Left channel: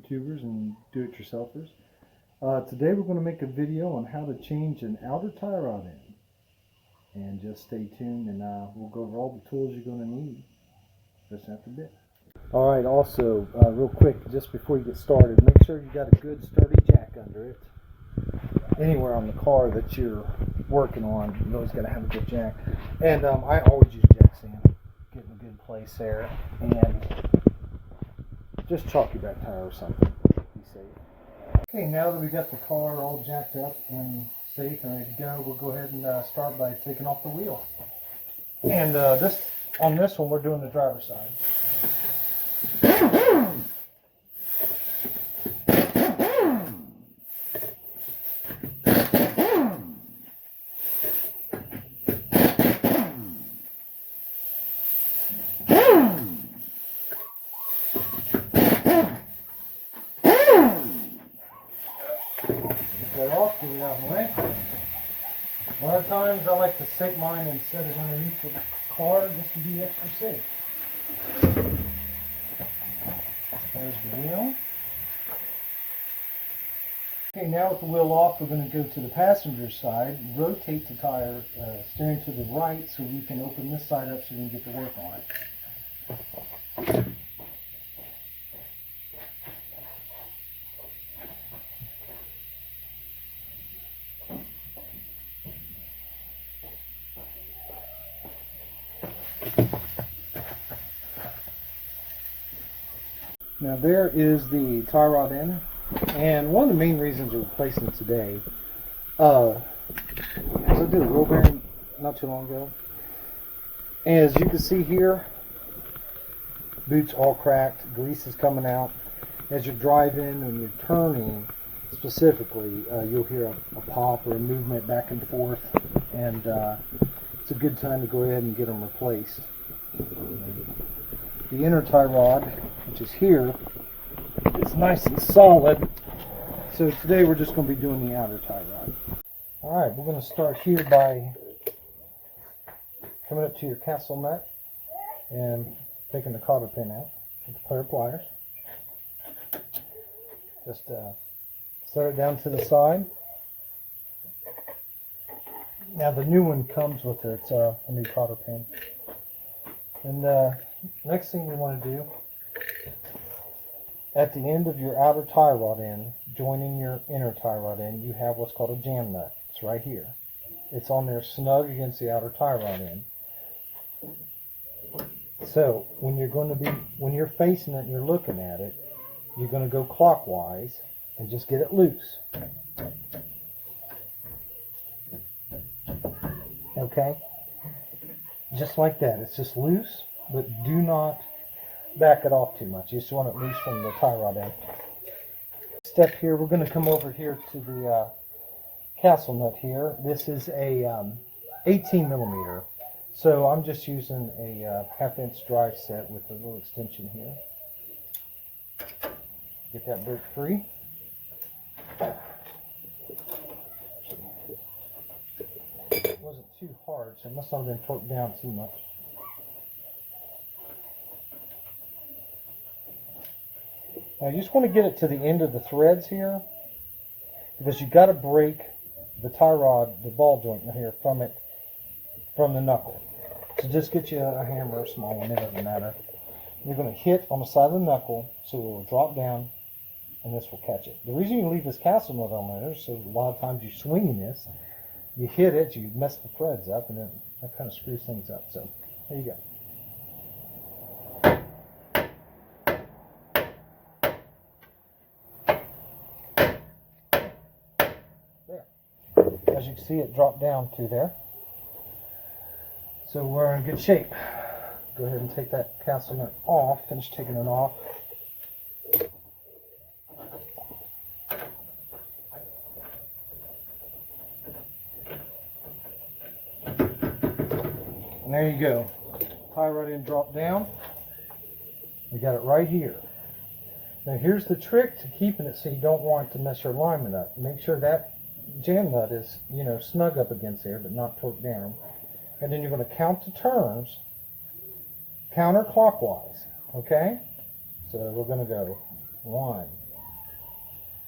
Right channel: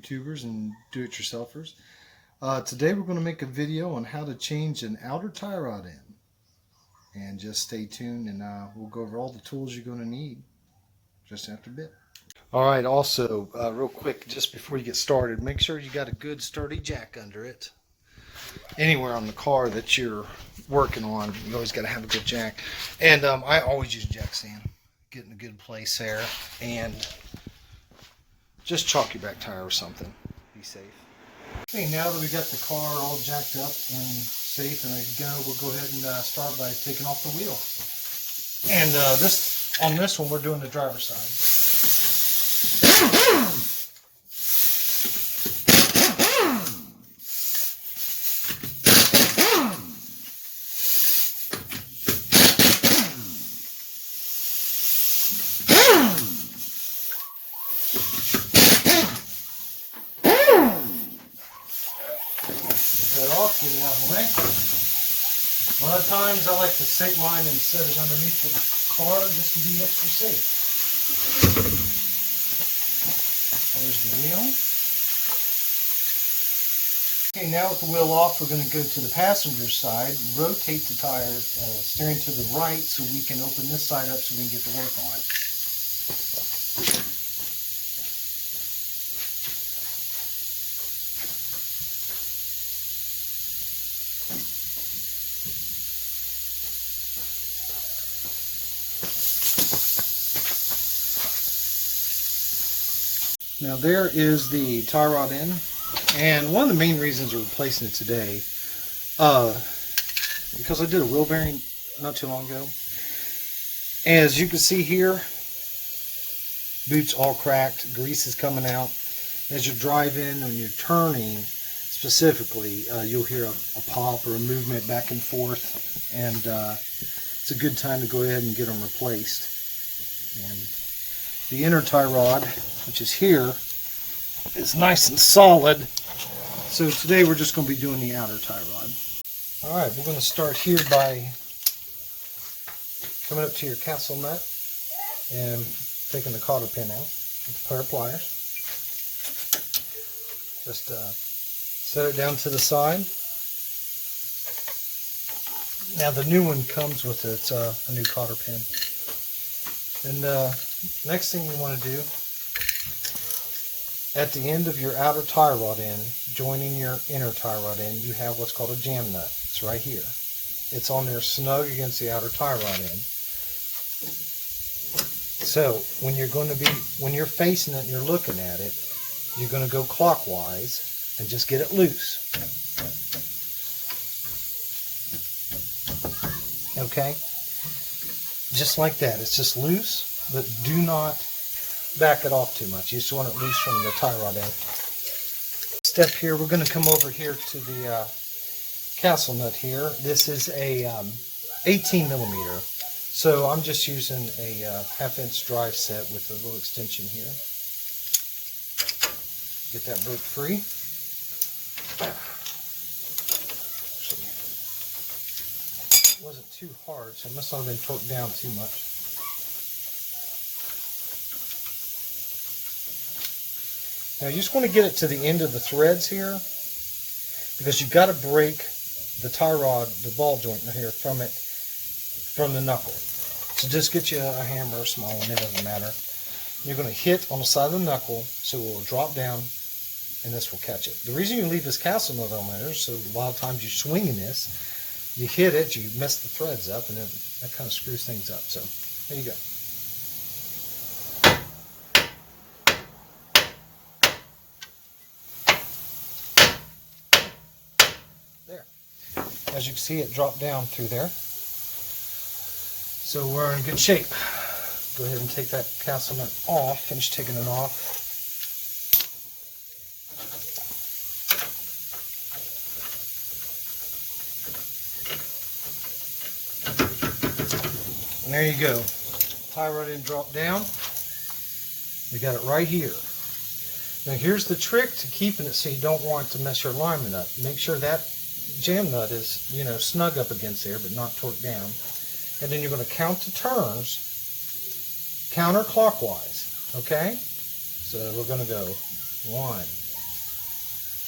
YouTubers and do-it-yourselfers. Today we're going to make a video on how to change an outer tie rod in. And just stay tuned and we'll go over all the tools you're going to need just after a bit. Alright, also real quick, just before you get started, make sure you got a good sturdy jack under it. Anywhere on the car that you're working on, you always got to have a good jack. And I always use jack sand. Get in a good place there. And just chalk your back tire or something. Be safe. Okay, now that we got the car all jacked up and safe and ready to go, we'll go ahead and start by taking off the wheel. And on this one, we're doing the driver's side. Get it out of the way. A lot of times I like to take mine and set it underneath the car just to be extra safe. There's the wheel. Okay, now with the wheel off, we're going to go to the passenger side, rotate the tire, steering to the right so we can open this side up so we can get to work on it. Now there is the tie rod in, and one of the main reasons we're replacing it today, because I did a wheel bearing not too long ago, and as you can see here, boot's all cracked, grease is coming out. As you're driving and you're turning specifically, you'll hear a pop or a movement back and forth, and it's a good time to go ahead and get them replaced. And the inner tie rod, which is here, is nice and solid. So today we're just going to be doing the outer tie rod. Alright, we're going to start here by coming up to your castle nut and taking the cotter pin out with a pair of pliers. Just set it down to the side. Now the new one comes with it, it's a new cotter pin. And next thing we want to do, at the end of your outer tie rod end, joining your inner tie rod end, you have what's called a jam nut. It's right here. It's on there snug against the outer tie rod end. So when you're facing it and you're looking at it, you're going to go clockwise and just get it loose. Okay? Just like that. It's just loose, but do not back it off too much. You just want it loose from the tie rod end. Step here, we're going to come over here to the castle nut here. This is a 18 millimeter. So I'm just using a 1/2 inch drive set with a little extension here. Get that bolt free. It wasn't too hard, so it must not have been torqued down too much. Now you just want to get it to the end of the threads here, because you've got to break the tie rod, the ball joint here from the knuckle. So just get you a hammer, a small one, it doesn't matter. You're going to hit on the side of the knuckle so it will drop down and this will catch it. The reason you leave this castle nut on there is so a lot of times you're swinging this, you hit it, you mess the threads up, and then that kind of screws things up. So there you go. As you can see, it dropped down through there. So we're in good shape. Go ahead and take that castle nut off. Finish taking it off. And there you go. Tie rod end drop down. We got it right here. Now here's the trick to keeping it so you don't want to mess your alignment up. Make sure that jam nut is, snug up against there, but not torqued down. And then you're going to count the turns counterclockwise, okay? So we're going to go 1,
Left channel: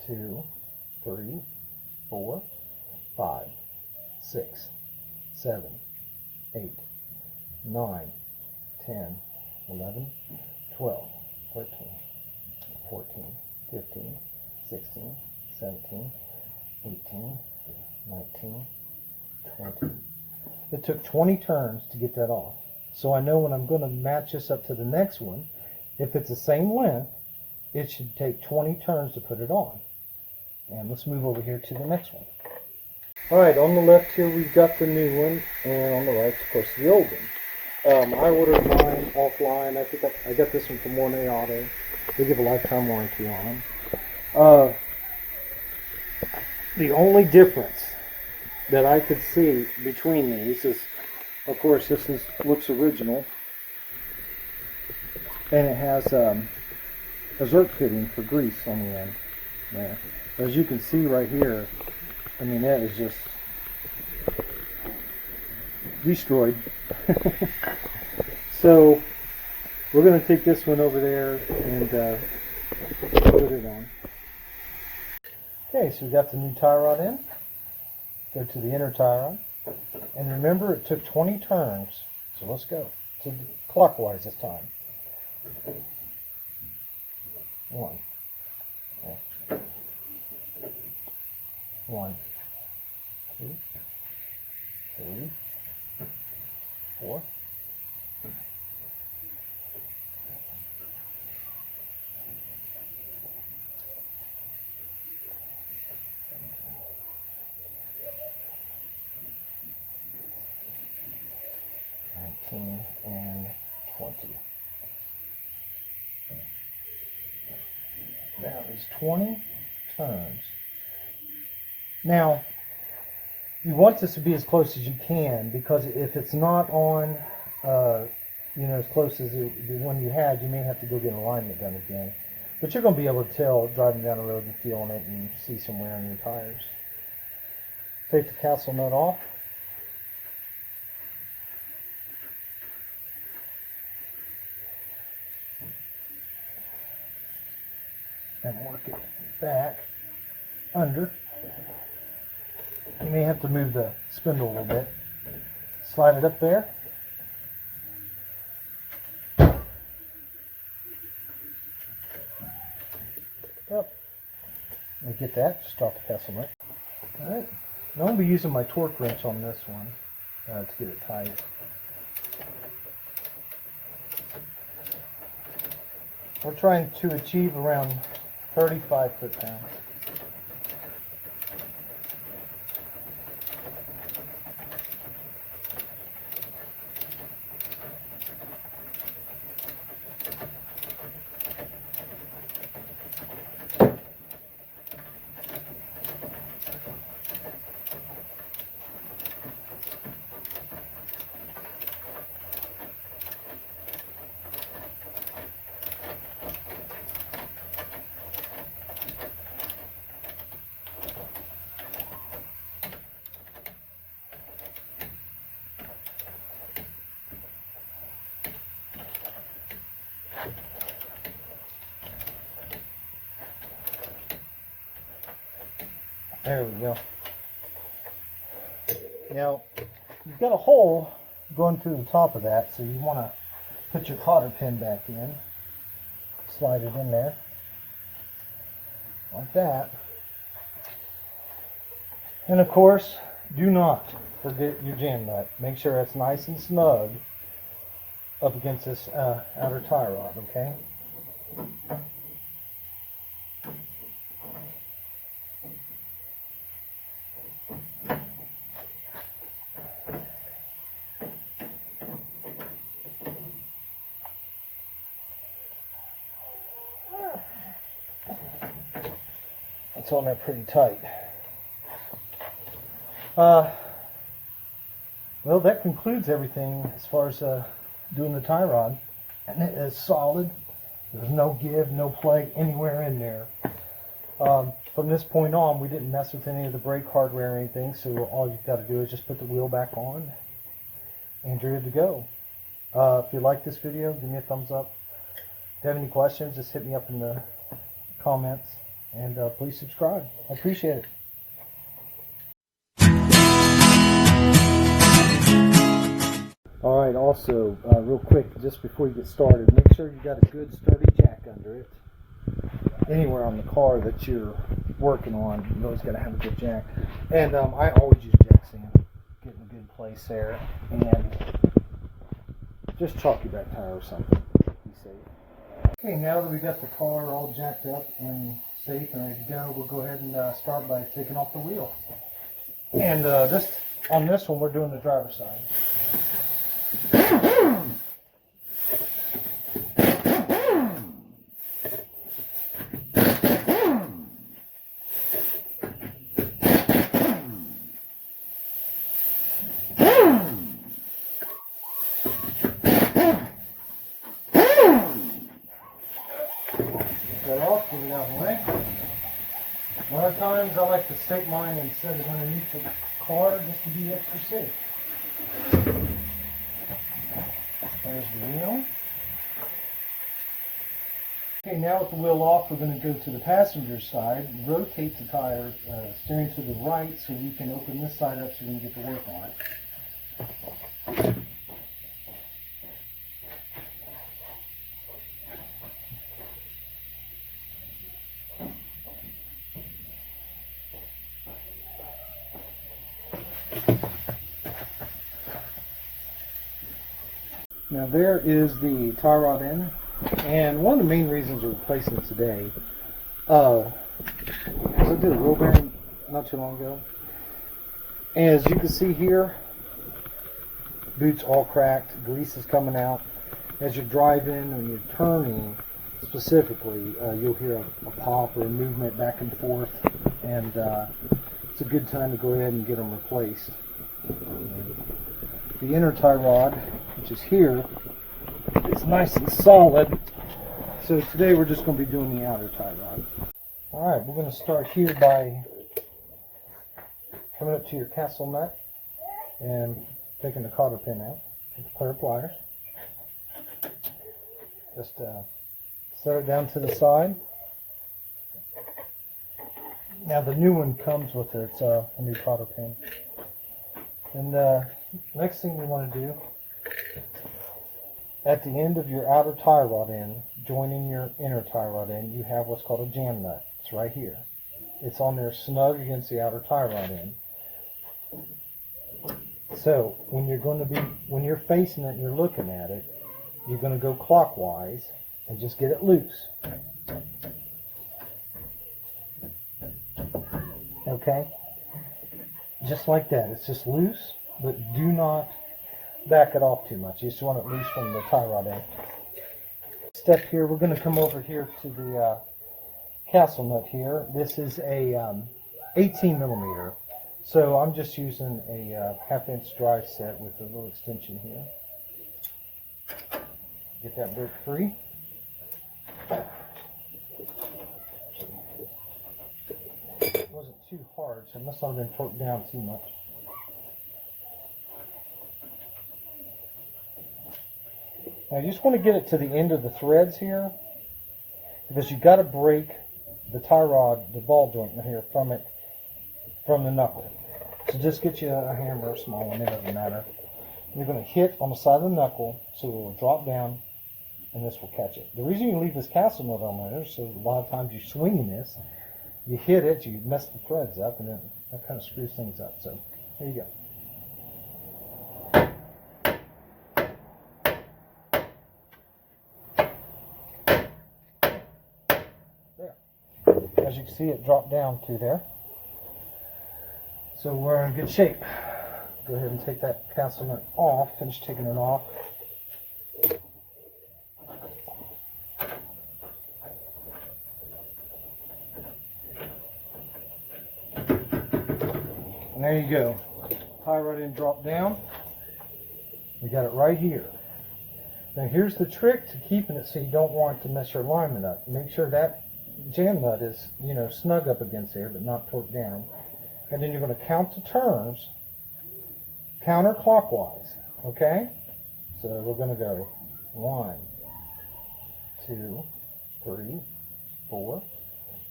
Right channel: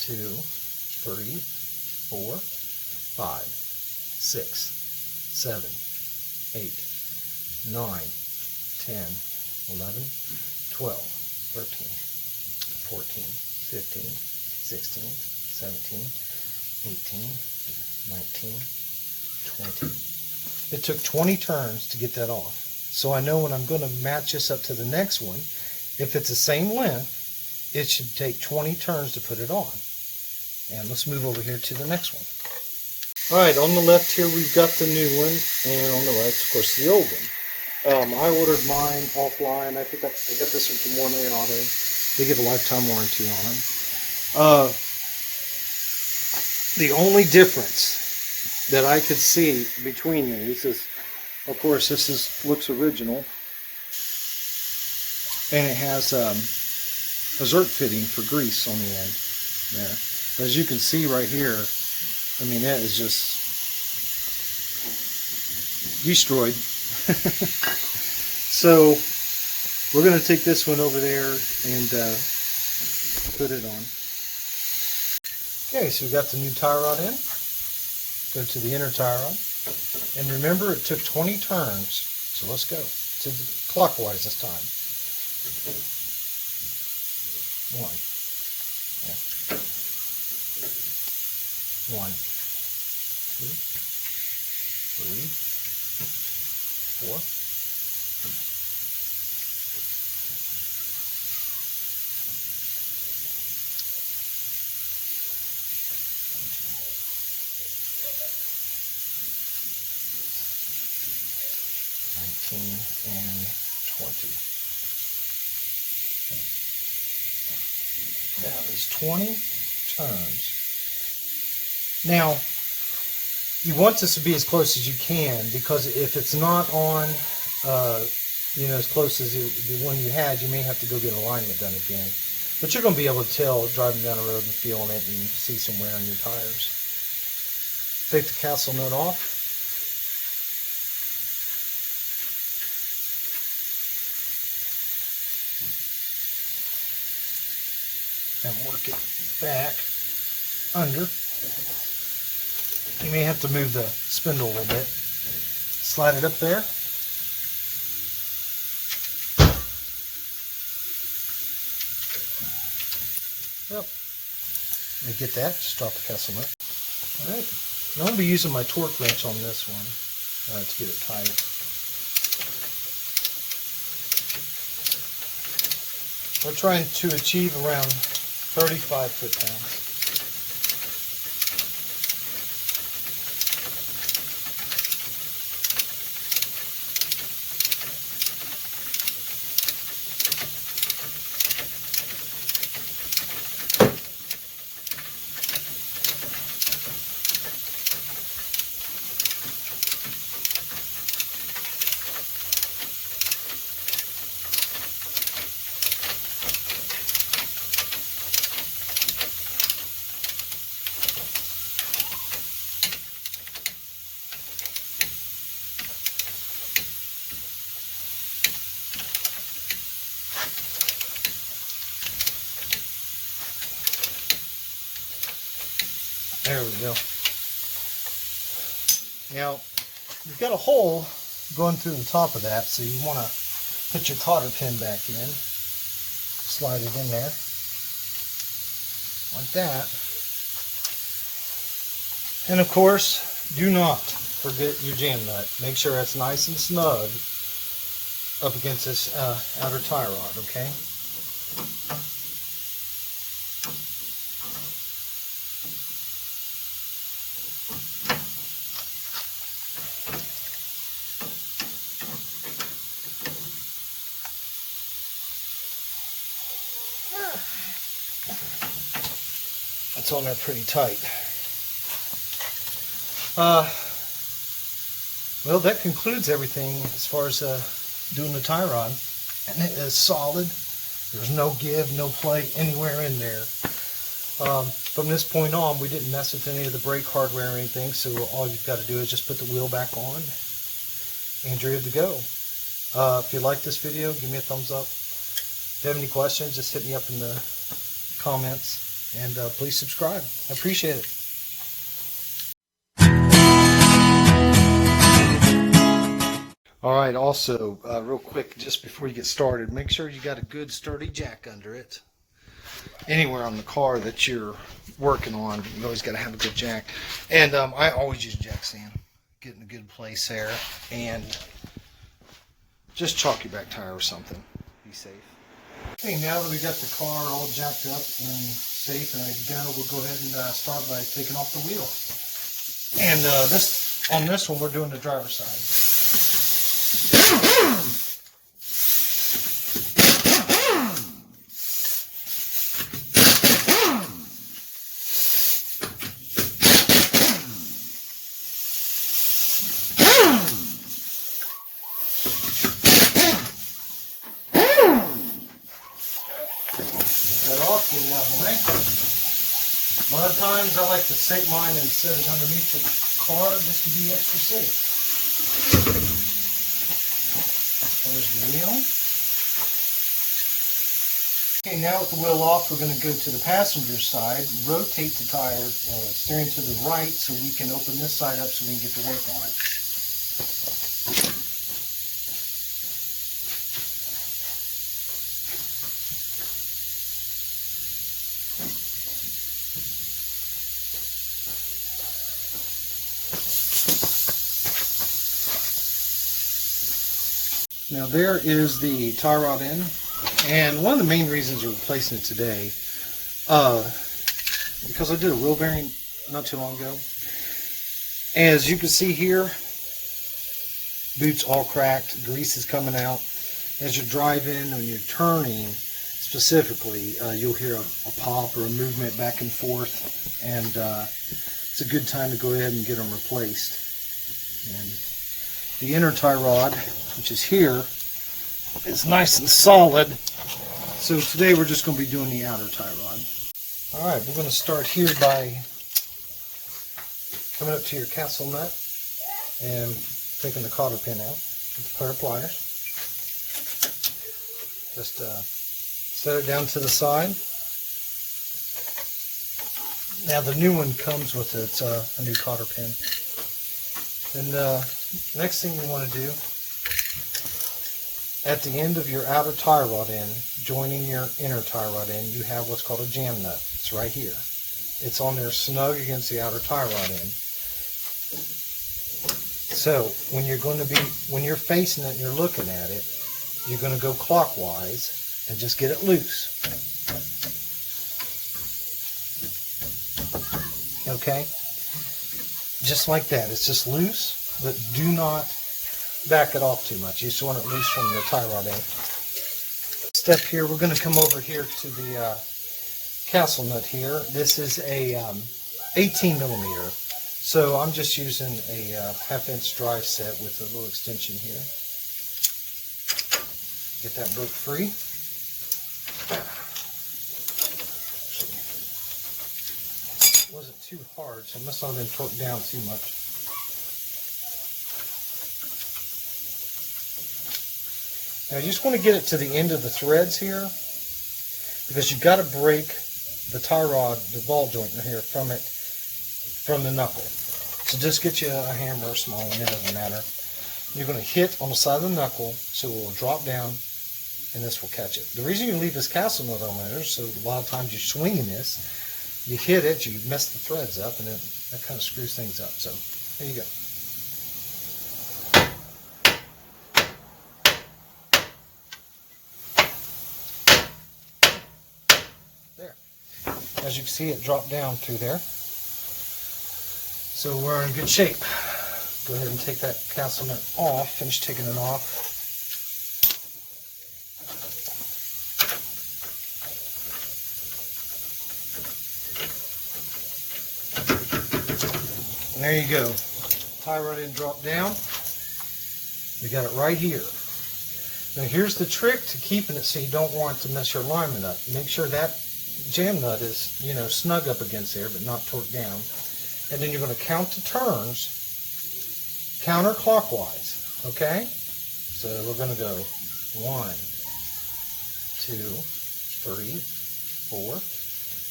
2, 3, 4, 5, 6, 7, 8, 9, 10, 11, 12, 13, 14, 15, 16, 17, 18, 19, 20. It took 20 turns to get that off. So I know when I'm going to match this up to the next one, if it's the same length, it should take 20 turns to put it on. And let's move over here to the next one. All right, on the left here we've got the new one, and on the right, of course, the old one. I ordered mine offline. I think I got this one from Mornay Auto. They give a lifetime warranty on them. The only difference that I could see between these is, of course, looks original, and it has a zerk fitting for grease on the end there. As you can see right here, I mean, that is just destroyed. So we're going to take this one over there and put it on. Okay, so we got the new tie rod in. Go to the inner tie rod. And remember, it took 20 turns. So let's go to the clockwise this time. 1. Yeah. 1, 2, 3, 4. 19 and 20. That is 20 turns. Now, you want this to be as close as you can, because if it's not on, as close as the one you had, you may have to go get alignment done again. But you're going to be able to tell driving down the road and feeling it and see some wear on your tires. Take the castle nut off. And work it back under. You may have to move the spindle a little bit. Slide it up there. Yep. And get that, just drop the castle nut. Alright. I'm going to be using my torque wrench on this one to get it tight. We're trying to achieve around 35 foot-pounds. There we go. Now, you've got a hole going through the top of that, so you want to put your cotter pin back in. Slide it in there. Like that. And of course, do not forget your jam nut. Make sure it's nice and snug up against this outer tie rod, okay? It's on there pretty tight. Well, that concludes everything as far as doing the tie rod. And it is solid. There's no give, no play anywhere in there. From this point on, we didn't mess with any of the brake hardware or anything, so all you've got to do is just put the wheel back on and you're good to go. If you like this video, give me a thumbs up. If you have any questions, just hit me up in the comments. And please subscribe. I appreciate it. All right, also, real quick, just before you get started, make sure you got a good sturdy jack under it. Anywhere on the car that you're working on, you always got to have a good jack. And I always use jack stand. Get in a good place there. And just chalk your back tire or something. Be safe. Okay, now that we got the car all jacked up and safe and ready to go, we'll go ahead and start by taking off the wheel. And on this one, we're doing the driver's side. Get it out of the way. A lot of times I like to set mine and set it underneath the car just to be extra safe. There's the wheel. Okay, now with the wheel off, we're going to go to the passenger side, rotate the tire, steering to the right so we can open this side up so we can get to work on it. Now there is the tie rod end, and one of the main reasons we're replacing it today, because I did a wheel bearing not too long ago. As you can see here, boot's all cracked, grease is coming out. As you're driving, when you're turning specifically, you'll hear a pop or a movement back and forth, and it's a good time to go ahead and get them replaced. And the inner tie rod, which is here, it's nice and solid. So today we're just going to be doing the outer tie rod. Alright, we're going to start here by coming up to your castle nut and taking the cotter pin out with a pair of pliers. Just set it down to the side. Now the new one comes with it, it's a new cotter pin. And next thing we want to do, at the end of your outer tie rod end, joining your inner tie rod end, you have what's called a jam nut. It's right here. It's on there snug against the outer tie rod end. So when you're facing it and you're looking at it, you're going to go clockwise and just get it loose. Okay? Just like that. It's just loose, but do not back it off too much. You just want it loose from the tie rod end. Step here, we're going to come over here to the castle nut here. This is a 18 millimeter. So I'm just using a 1/2 inch drive set with a little extension here. Get that bolt free. It wasn't too hard, so it must not have been torqued down too much. Now you just want to get it to the end of the threads here, because you've got to break the tie rod, the ball joint in here from the knuckle. So just get you a hammer or small one, it doesn't matter. You're going to hit on the side of the knuckle so it will drop down and this will catch it. The reason you leave this castle nut on there is so a lot of times you're swinging this, you hit it, you mess the threads up, and then that kind of screws things up. So there you go. As you can see, it dropped down through there. So we're in good shape. Go ahead and take that castle nut off, finish taking it off. And there you go. Tie rod end dropped down. We got it right here. Now here's the trick to keeping it so you don't want to mess your alignment up. Make sure that jam nut is, snug up against there, but not torqued down. And then you're going to count the turns counterclockwise, okay? So we're going to go 1, 2, 3, 4,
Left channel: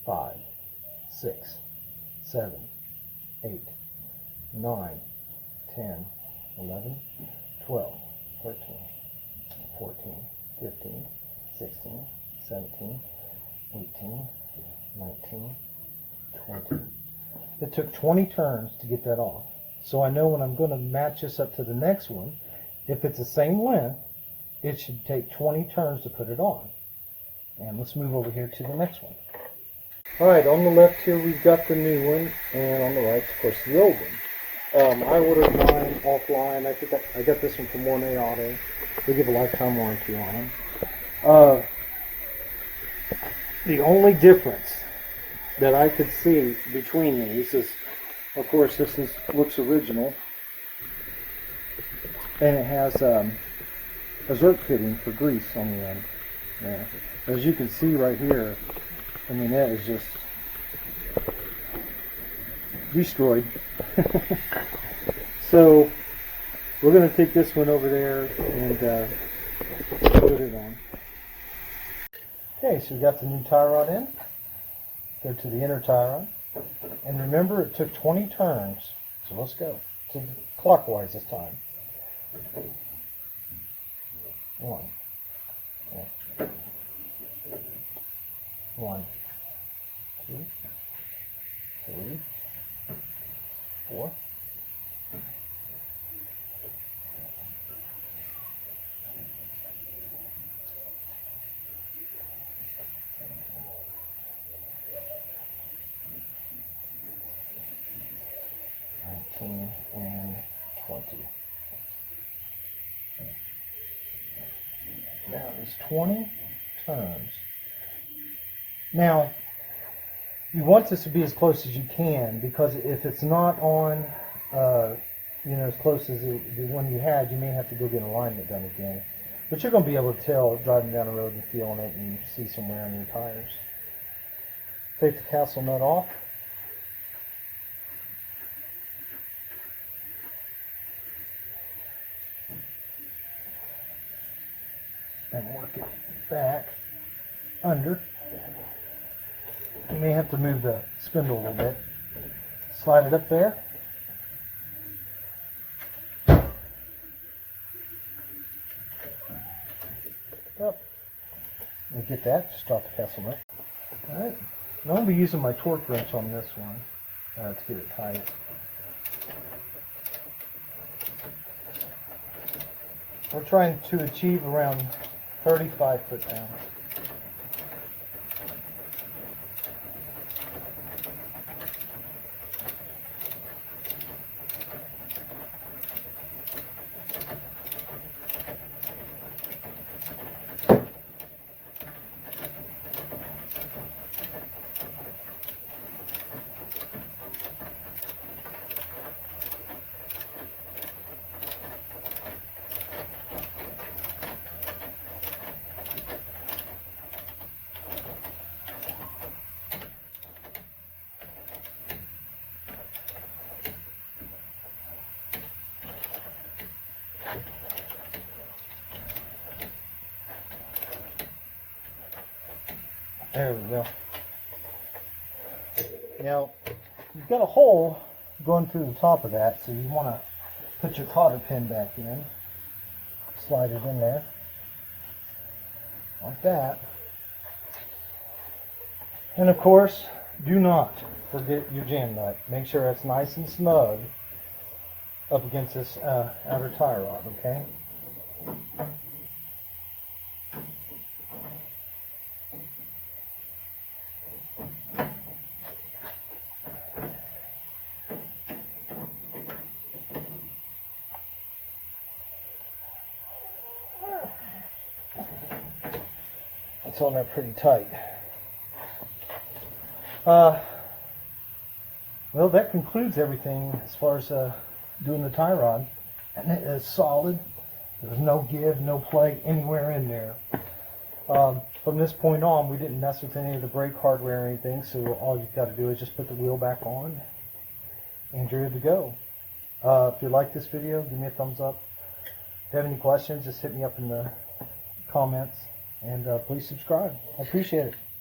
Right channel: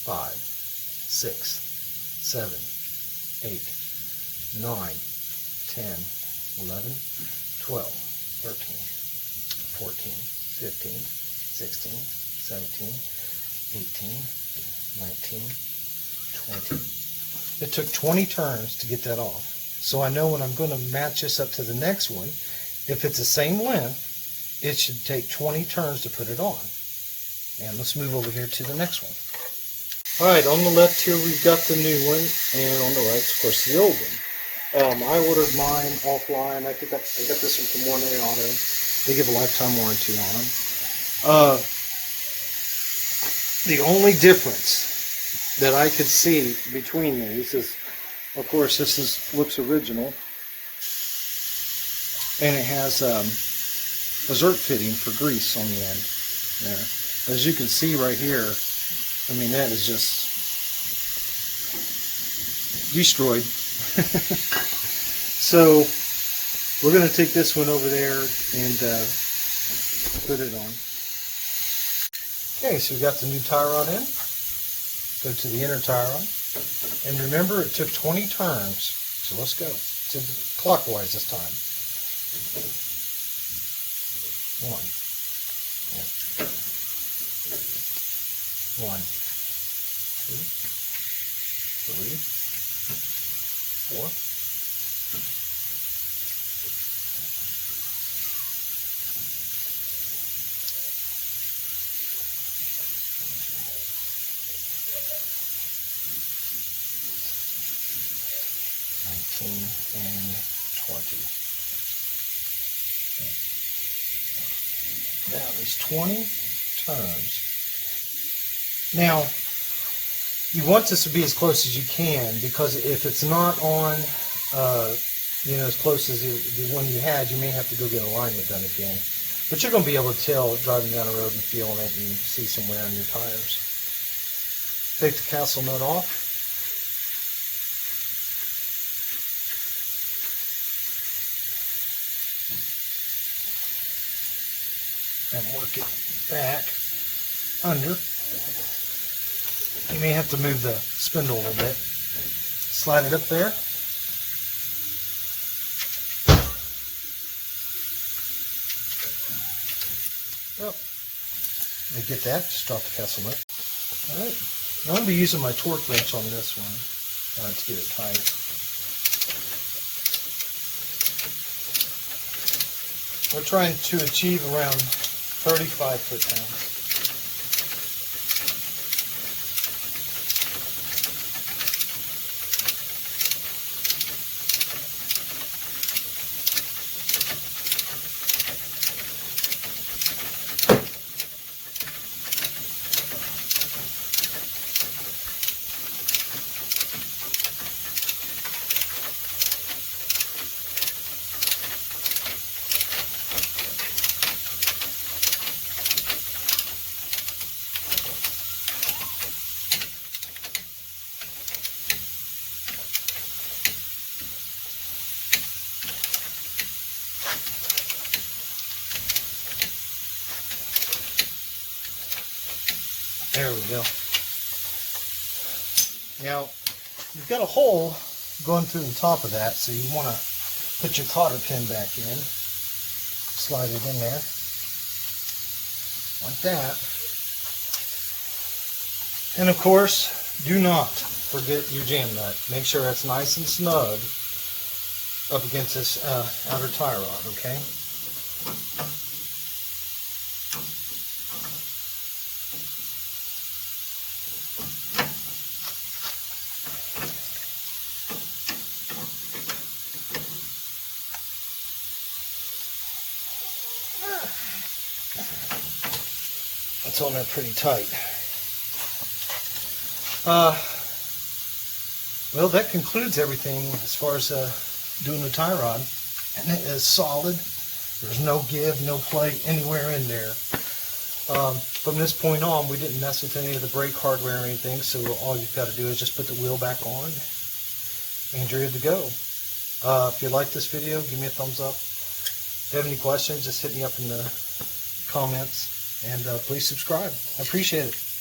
5, 6, 7, 8, 9, 10, 11, 12, 13, 14, 15, 16, 17, 18, 19, 20. It took 20 turns to get that off. So I know when I'm going to match this up to the next one, if it's the same length, it should take 20 turns to put it on. And let's move over here to the next one. All right, on the left here we've got the new one, and on the right, of course, the old one. I ordered mine offline. I got this one from Morning Auto. They give a lifetime warranty on them. The only difference that I could see between these is, of course, looks original, and it has a zerk fitting for grease on the end. Yeah. As you can see right here, I mean, that is just destroyed. So we're going to take this one over there and put it on. Okay, so we got the new tie rod in. Go to the inner tie rod. And remember, it took 20 turns. So let's go to the clockwise this time. 1. Yeah. 1, 2, 3, 4. 19 and 20. That was 20 turns. Now, you want this to be as close as you can, because if it's not on, as close as the one you had, you may have to go get alignment done again. But you're going to be able to tell driving down the road and feeling it and see some wear on your tires. Take the castle nut off. And work it back under. You may have to move the spindle a little bit. Slide it up there. Up. And get that, just drop the castle nut. Alright. Now I'm going to be using my torque wrench on this one to get it tight. We're trying to achieve around 35 foot-pounds. There we go. Now, you've got a hole going through the top of that, so you want to put your cotter pin back in. Slide it in there. Like that. And of course, do not forget your jam nut. Make sure it's nice and snug up against this outer tie rod, okay? It's on there pretty tight. Well, that concludes everything as far as doing the tie rod. And it is solid. There's no give, no play anywhere in there. From this point on, we didn't mess with any of the brake hardware or anything, so all you've got to do is just put the wheel back on and you're good to go. If you like this video, give me a thumbs up. If you have any questions, just hit me up in the comments. And please subscribe. I appreciate it.